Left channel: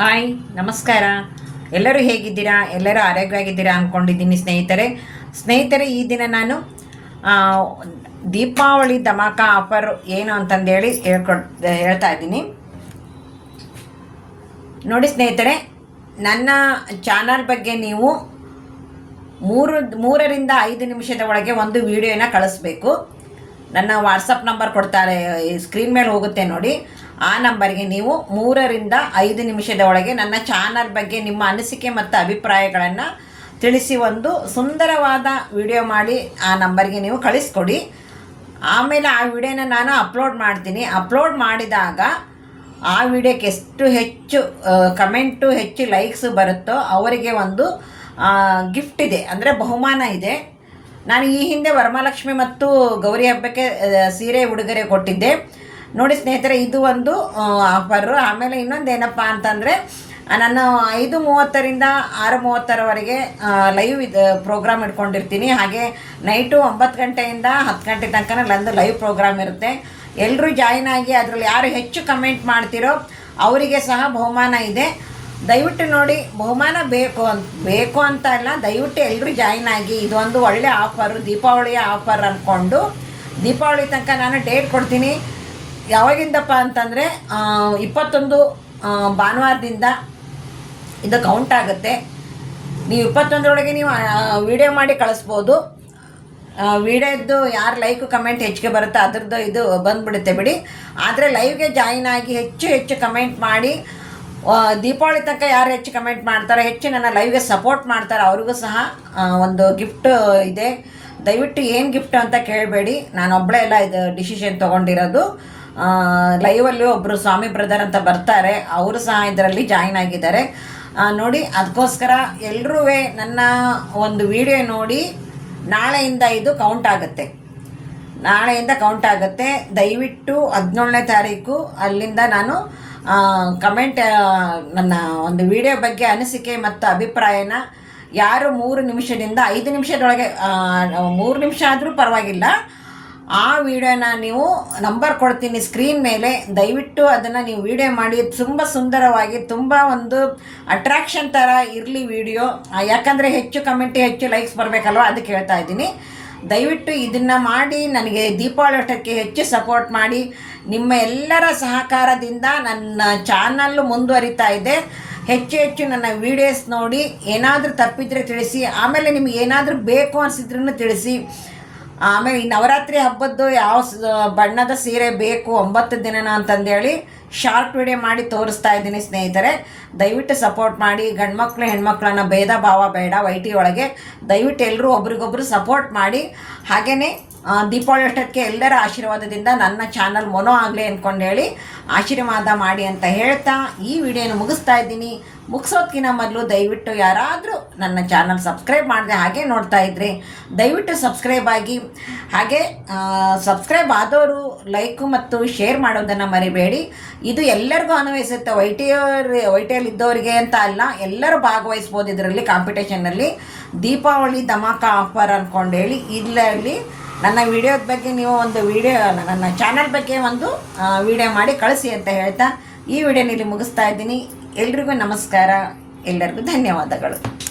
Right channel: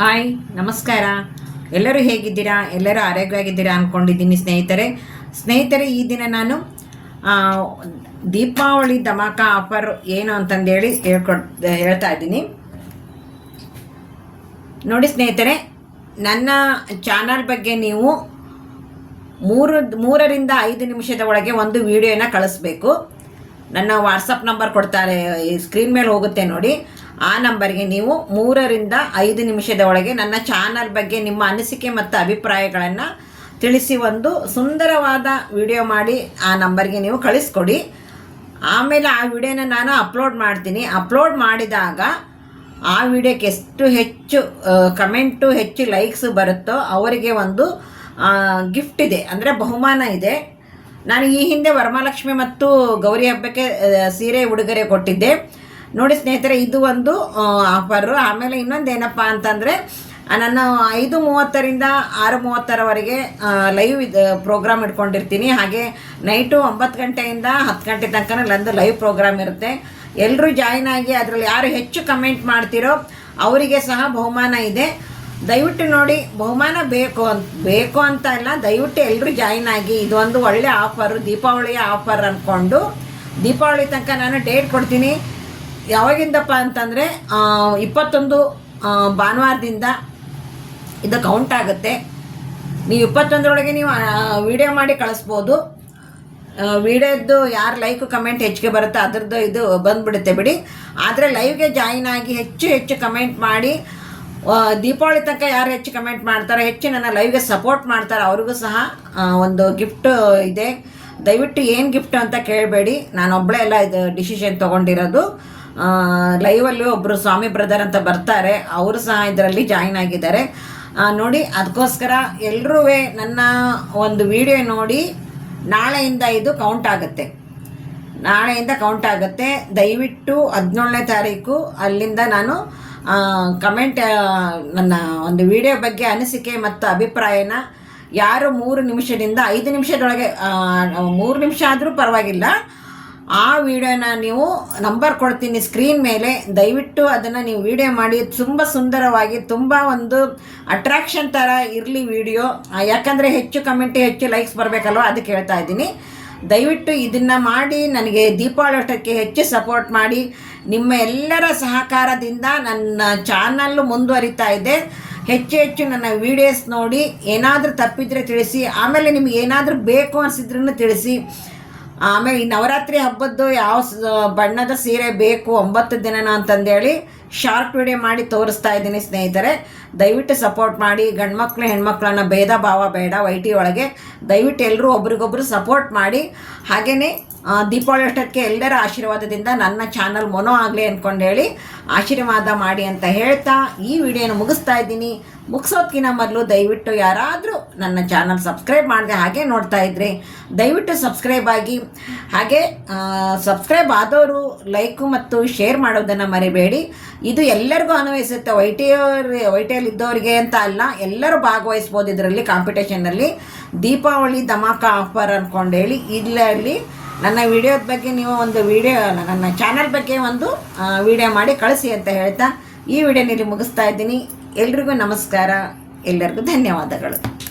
Hi ನಮಸ್ಕಾರ. ಎಲ್ಲರೂ ಹೇಗಿದ್ದೀರಾ? ಎಲ್ಲರೂ ಆರೋಗ್ಯವಾಗಿದ್ದೀರಾ ಅಂದ್ಕೊಂಡಿದ್ದೀನಿ ಸ್ನೇಹಿತರೆ. ಸ್ನೇಹಿತರೆ, ಈ ದಿನ ನಾನು ದೀಪಾವಳಿ ಧಮಾಕ ಆಫರ್ ಏನು ಅಂತಂದೇಳಿ ಹೇಳ್ಕೊಡ್ ಹೇಳ್ತಾ ಇದ್ದೀನಿ. ನೋಡಿ ಸ್ನೇಹಿತರೆ, ನನ್ನ ಚಾನಲ್ ಬಗ್ಗೆ ನೀವು ಮೂರು, ಮೂರರಿಂದ ಐದು ನಿಮಿಷದ ಒಳಗೆ ಒಂದು ವಿಡಿಯೋನ ಕಳಿಸ್ಬೇಕು. ನನ್ನ ವಾಟ್ಸಪ್ ನಂಬರ್ ಕೊಡ್ತಾರೆ ಸ್ಕ್ರೀನ್ ಮೇಲೆ ಹೋಗುತ್ತೆ ನೋಡಿ. ಆ ನಂಬರ್ಗೆ ನೀವು ಮೂರರಿಂದ ಐದು ನಿಮಿಷದ ಒಳಗೆ ನನ್ನ ಚಾನಲ್ ಬಗ್ಗೆ ನಿಮ್ಮ ಅನಿಸಿಕೆ ಮತ್ತು ಅಭಿಪ್ರಾಯಗಳನ್ನು ತಿಳಿಸಿ ಒಂದು ಸುಂದರವಾದ ವಿಡಿಯೋ ಮಾಡಿ ಆ ನಂಬರ್ಗೆ ನೀವು ಕಳಿಸ್ಕೊಡಿ. ಆಮೇಲೆ ಆ ವಿಡಿಯೋನ ನಾನು ಅಪ್ಲೋಡ್ ಮಾಡ್ತೀನಿ. ಅಪ್ಲೋಡ್ ಮಾಡಿದಾಗ ಆ ವಿಡಿಯೋಕ್ಕೆ ಎಷ್ಟು ಹೆಚ್ಚು ಕಮೆಂಟು, ಹೆಚ್ಚು ಲೈಕ್ಸು ಬರುತ್ತೋ ಅವರಿಗೆ ಒಂದು ಗಿಫ್ಟ್ ಇದೆ. ಅಂದರೆ ಬಹುಮಾನ ಇದೆ. ನಾನು ಈ ಹಿಂದೆ ವರಮಹಾಲಕ್ಷ್ಮಿ ಮತ್ತು ಗೌರಿ ಹಬ್ಬಕ್ಕೆ ಸೀರೆ ಉಡುಗೊರೆ ಕೊಟ್ಟಿದ್ದೆ. ನೋಡಿ ಸ್ನೇಹಿತರೆ, ಇದು ಒಂದು ಆಫರು ಆಮೇಲೆ ಇನ್ನೊಂದು ಏನಪ್ಪ ಅಂತಂದರೆ ನಾನು ಐದು ಮೂವತ್ತರಿಂದ ಆರು ಮೂವತ್ತರವರೆಗೆ ಲೈವ್ ಇದು ಪ್ರೋಗ್ರಾಮ್ ಇಟ್ಕೊಂಡಿರ್ತೀನಿ. ಹಾಗೆ ನೈಟು ಒಂಬತ್ತು ಗಂಟೆಯಿಂದ ಹತ್ತು ಗಂಟೆ ತನಕ ನಂದು ಲೈವ್ ಪ್ರೋಗ್ರಾಮ್ ಇರುತ್ತೆ. ಎಲ್ಲರೂ ಜಾಯಿನ್ ಆಗಿ ಅದರಲ್ಲಿ ಯಾರು ಹೆಚ್ಚು ಕಮೆಂಟ್ ಮಾಡ್ತಿರೋ ಅವರಿಗೆ ಸಹ ಬಹುಮಾನ ಇದೆ. ದಯವಿಟ್ಟು ನೋಡಿ, ಬಹುಮಾನ ಬೇಕು ಅಂತ ಬೇಕು ಅಂತ ಇಲ್ಲ ದಯವಿಟ್ಟು ಎಲ್ಲರೂ ಜಾಯಿನ್ ಆಗಿ ಇದೊಂದು ಒಳ್ಳೆ ಆಫರು ದೀಪಾವಳಿಯ ಆಫರ್ ಅಂದ್ಕೊಂಡು ದೀಪಾವಳಿ ತನಕ ನಾನು ಡೇಟ್ ಕೊಡ್ತೀನಿ. ಯಾವಾಗಿಂದಪ್ಪ ಅಂತಂದರೆ ಇಪ್ಪತ್ತೊಂದು ಭಾನುವಾರದಿಂದ ಇದು ಕೌಂಟ್ ಆಗುತ್ತೆ. ನೀವು ಇಪ್ಪತ್ತೊಂದರೊಳಗೆ ನೀವು ವಿಡಿಯೋ ಮಾಡಿ ಕಳಿಸ್ಬೋದು. ವಿಡಿಯೋದ್ದು ಯಾರು ಲೈಕ್ ಕಮೆಂಟ್ ಹೆಚ್ಚಿಗೆ ಬರುತ್ತೆ ಅದ್ರದ್ದು ಇದು ಬಂದ್ಬಿಡುತ್ತೆ ಬಿಡಿ. ಆದರೆ ಲೈವ್ಗೆ ಜಾಯಿನ್ ಆಗಿ ಹೆಚ್ಚು ಹೆಚ್ಚು ಕಮೆಂಟ್ ಮಾಡಿ ದೀಪಾವಳಿ ತನಕ ಯಾರು ಹೆಚ್ಚು ಕಮೆಂಟ್ ಮಾಡ್ತಾರೆ, ಹೆಚ್ಚು ನನ್ನ ಲೈವ್ಗೆ ಸಪೋರ್ಟ್ ಮಾಡ್ತಾರೆ, ಅವ್ರಿಗೂ ಸಹ ಒಂದು ಗಿಫ್ಟ್ ಇದೆ. ದಯವಿಟ್ಟು ಏನು ಗಿಫ್ಟ್ ಅಂತ ಕೇಳಬೇಡಿ. ನಾನು ಒಬ್ಬಳೇ ಎಲ್ಲ ಇದು ಡಿಸಿಷನ್ ತೊಗೊಂಡಿರೋದು. ಲೈವಲ್ಲಿ ಒಬ್ಬರು ಸ್ವಾಮಿ ಬ್ರದರ್ ಅಂತ ಬರ್ತಾರೆ. ಅವರು ಸಹ ಇದರಲ್ಲಿ ಜಾಯಿನ್ ಆಗಿದ್ದಾರೆ. ನೋಡಿ ಅದಕ್ಕೋಸ್ಕರ ಎಲ್ಲರೂ ನನ್ನ ಒಂದು ವಿಡಿಯೋ ನೋಡಿ, ನಾಳೆಯಿಂದ ಇದು ಕೌಂಟ್ ಆಗುತ್ತೆ. ನಾಳೆಯಿಂದ ಕೌಂಟ್ ಆಗುತ್ತೆ. ದಯವಿಟ್ಟು ಹದಿನೇಳನೇ ತಾರೀಕು ಅಲ್ಲಿಂದ ನಾನು ಕಮೆಂಟ್ ನನ್ನ ಒಂದು ವಿಡಿಯೋ ಬಗ್ಗೆ ಅನಿಸಿಕೆ ಮತ್ತು ಅಭಿಪ್ರಾಯನ ಯಾರು ಮೂರು ನಿಮಿಷದಿಂದ ಐದು ನಿಮಿಷದೊಳಗೆ ಮೂರು ನಿಮಿಷ ಆದರೂ ಪರವಾಗಿಲ್ಲ. ಆ ವಿಡಿಯೋನ ನೀವು ನಂಬರ್ ಕೊಡ್ತೀನಿ ಸ್ಕ್ರೀನ್ ಮೇಲೆ. ದಯವಿಟ್ಟು ಅದನ್ನು ನೀವು ವಿಡಿಯೋ ಮಾಡಿ. ತುಂಬ ಸುಂದರವಾಗಿ, ತುಂಬ ಒಂದು ಅಟ್ರಾಕ್ಷನ್ ಥರ ಇರಲಿ ವಿಡಿಯೋ. ಯಾಕಂದರೆ ಹೆಚ್ಚು ಕಮೆಂಟ್ ಹೆಚ್ಚು ಲೈಕ್ಸ್ ಬರಬೇಕಲ್ವ? ಅದಕ್ಕೆ ಹೇಳ್ತಾ ಇದ್ದೀನಿ. ದಯವಿಟ್ಟು ಇದನ್ನು ಮಾಡಿ, ನನಗೆ ದೀಪಾವಳಿ ಹೆಚ್ಚು ಸಪೋರ್ಟ್ ಮಾಡಿ. ನಿಮ್ಮ ಎಲ್ಲರ ಸಹಕಾರದಿಂದ ನನ್ನ ಚಾನಲ್ಲು ಮುಂದುವರಿತಾ ಇದೆ. ಹೆಚ್ಚು ಹೆಚ್ಚು ನನ್ನ ವಿಡಿಯೋಸ್ ನೋಡಿ ಏನಾದರೂ ತಪ್ಪಿದ್ರೆ ತಿಳಿಸಿ. ಆಮೇಲೆ ನಿಮ್ಗೆ ಏನಾದರೂ ಬೇಕು ಅನಿಸಿದ್ರೂ ತಿಳಿಸಿ. ಆಮೇಲೆ ಈ ನವರಾತ್ರಿ ಹಬ್ಬದ್ದು ಯಾವ ಬಣ್ಣದ ಸೀರೆ ಬೇಕು ಒಂಬತ್ತು ದಿನನ ಅಂತಂದೇಳಿ ಶಾರ್ಟ್ ವಿಡಿಯೋ ಮಾಡಿ ತೋರಿಸ್ತಾ ಇದ್ದೀನಿ ಸ್ನೇಹಿತರೆ. ದಯವಿಟ್ಟು ಸಪೋರ್ಟ್ ಮಾಡಿ. ಗಂಡ್ಮಕ್ಳು, ಹೆಣ್ಮಕ್ಳನ್ನ ಭೇದ ಭಾವ ಬೇಡ. ವೈಟಿ ಒಳಗೆ ದಯವಿಟ್ಟು ಎಲ್ಲರೂ ಒಬ್ರಿಗೊಬ್ರು ಸಪೋರ್ಟ್ ಮಾಡಿ. ಹಾಗೆಯೇ ದೀಪಾವಳಿ ಅಷ್ಟಕ್ಕೆ ಎಲ್ಲರ ಆಶೀರ್ವಾದದಿಂದ ನನ್ನ ಚಾನಲ್ ಮೊನೋ ಆಗಲಿ ಅಂದ್ಕೊಂಡು ಹೇಳಿ ಆಶೀರ್ವಾದ ಮಾಡಿ ಅಂತ ಹೇಳ್ತಾ ಈ ವಿಡಿಯೋನ ಮುಗಿಸ್ತಾ ಇದ್ದೀನಿ. ಮುಗಿಸೋದ್ಕಿಂತ ಮೊದಲು ದಯವಿಟ್ಟು ಯಾರಾದರೂ ನನ್ನ ಚಾನಲ್ ಸಬ್ಸ್ಕ್ರೈಬ್ ಮಾಡಿದೆ ಹಾಗೆ ನೋಡ್ತಾ ಇದ್ರಿ, ದಯವಿಟ್ಟು ಸಬ್ಸ್ಕ್ರೈಬ್ ಆಗಿ. ಹಾಗೆ ಸಬ್ಸ್ಕ್ರೈಬ್ ಆದವರು ಲೈಕು ಮತ್ತು ಶೇರ್ ಮಾಡೋದನ್ನು ಮರಿಬೇಡಿ. ಇದು ಎಲ್ಲರಿಗೂ ಅನ್ವಯಿಸುತ್ತೆ. ವೈಟಿಯವ್ರ ವೈಟಿಯಲ್ಲಿ ಇದ್ದವರಿಗೆ ಅಂತ ಅಲ್ಲ, ಎಲ್ಲರೂ ಭಾಗವಹಿಸ್ಬೋದು ಇದರಲ್ಲಿ ಕಾಂಪಿಟೇಷನಲ್ಲಿ ದೀಪಾವಳಿ ಧಮಾಕ ಆಫರ್ ಅಂದ್ಕೊಂಡು ಹೇಳಿ ಇಲ್ಲಲ್ಲಿ ನನ್ನ ವಿಡಿಯೋದ ಬಗ್ಗೆ ನೀವು ಒಂದು ವಿಡಿಯೋ ನನ್ನ ಚಾನಲ್ ಬಗ್ಗೆ ಒಂದು ವಿಡಿಯೋ ಮಾಡಿ ಕಳಿಸಿ ಅಂತ ಹೇಳ್ತಾ ಈ ವಿಡಿಯೋನಲ್ಲಿ ಮುಗಿಸ್ತಾ ಇದ್ದೀನಿ. ಎಲ್ರಿಗೂ ನಮಸ್ಕಾರ. ಎಲ್ಲರಿಗೂ ಧನ್ಯವಾದಗಳು.